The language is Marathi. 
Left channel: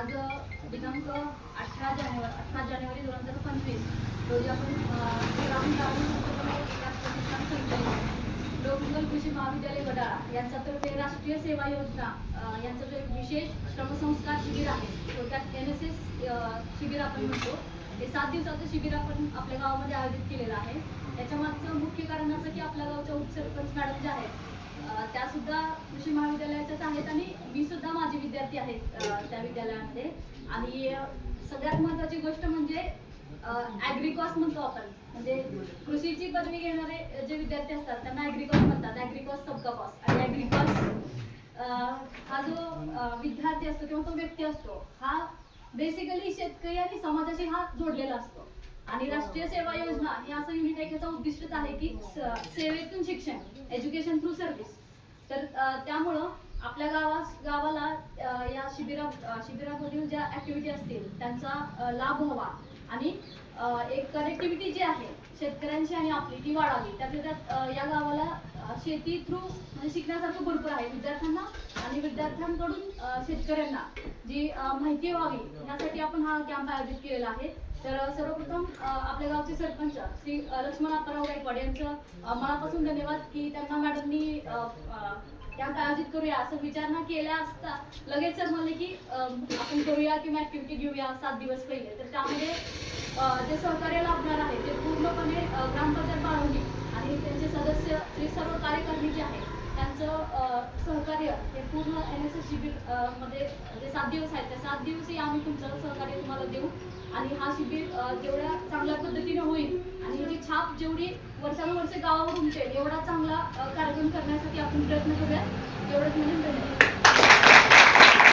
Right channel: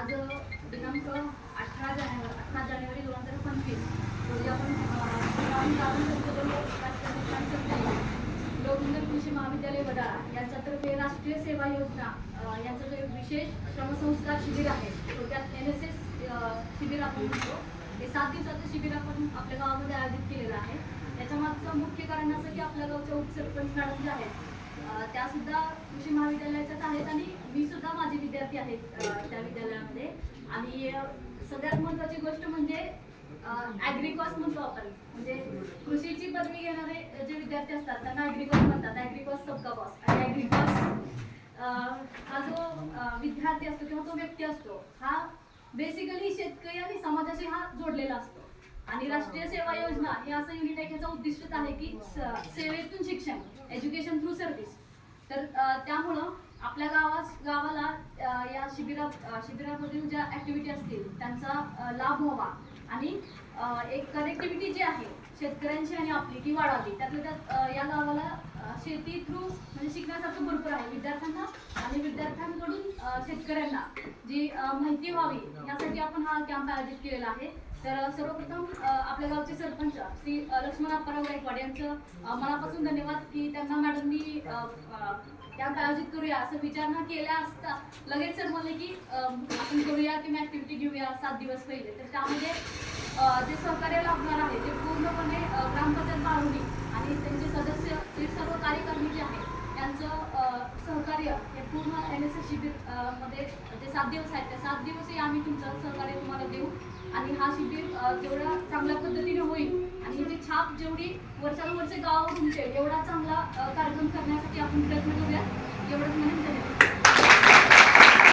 आज दिनांक 18 जानेवारी 2025 रोजी आपण लोकमंगल कृषी महाविद्यालय वडाळा यांच्यातर्फे राष्ट्रीय सेवा योजना यांचं जे विशेष श्रमसंस्कार शिबिर आहे थोडक्यात NSS शिबिर आपण म्हणतो. हे 7 दिवसाचं शिबिर आपण आपल्या गावामध्ये आयोजित केलेलं आहे. याच्या मागचं मुख्य कारण असं की आपल्या गावच्या उपसरपंच मॅडम ज्या आहेत त्या सुद्धा कृषी महाविद्यालयाच्याच आहेत आणि मी सुद्धा माझे विद्यार्थी आहेत त्या विद्यालयामध्ये. आणि सगळ्यात महत्त्वाची गोष्ट म्हणजे ॲग्रिकॉस म्हणतो आपण, म्हणजे कृषीची पदवी घेणारे जे विद्यार्थी असतात त्यांना ॲग्रिकॉस म्हणतात. ॲग्रिकॉस सबका बॉस. आणि ॲग्रिकॉस हा जो विद्यार्थी असतो किंवा तो व्यक्ती असतो हा बेसिकली शेतकरी आणि समाजाशी हा जोडलेला असतो. आणि राष्ट्रीय सेवा योजना हे असं युनिट आहे याचा उद्दिष्टच आहे की सेवेतून शिक्षण, एज्युकेशन थ्रू सर्व्हिस. तर त्यामुळं आपल्या गावाला या शिबिरामधील ज्या ॲक्टिव्हिटी असतील त्यांचा लाभ व्हावा आणि एक कनेक्टिव्हिटी जी आहे शेतकऱ्यांची आणि आपली ती वाढावी. त्यातल्या त्यात या गावाला शेती थ्रू म्हणजे शिकण्यासारखं भरपूर आहे विद्यार्थ्यांना आणि विद्यार्थ्यांकडून शेतकऱ्यांना जी माहिती व्हावी यासाठी आपण हा कॅम्प आयोजित केलेला आहे. तर सर्वप्रथम आपल्या गावचे सरपंच श्री लक्ष्मण अप्पाराव गायकवाड यांचं मनापासून धन्यवाद की त्यांना मॅडमनी कॅम्प आयोजित करूया असं विचारणा केल्या असता लगेच सर म्हणले की आपण करूया किंवा ॲक्टिव्हिटी घेऊया 7 दिवस पहिले. तर त्यामध्ये जे सहकार्य लाभणार आहे ते पूर्णपणे ग्रामपंचायत बाळवणी आणि त्यांचे सदस्य जे सर्व कार्यकारिणी जे आहेत त्यांचं सहकार्य हे पूर्ण NSS शिबिर मध्ये जे 7 दिवस आहेत त्या 7 दिवसही आम्ही तुमचं सहकार्य तुम्हाला देऊ. आणि हा शिबिर जेवढ्या चांगल्या पद्धतीने होईल आणि याची छाप जेवढी वर्षानुवर्षे गावावर उमटेल एवढा चांगला कार्यक्रम करण्यासाठी आपण प्रयत्न करूया. एवढंच म्हणून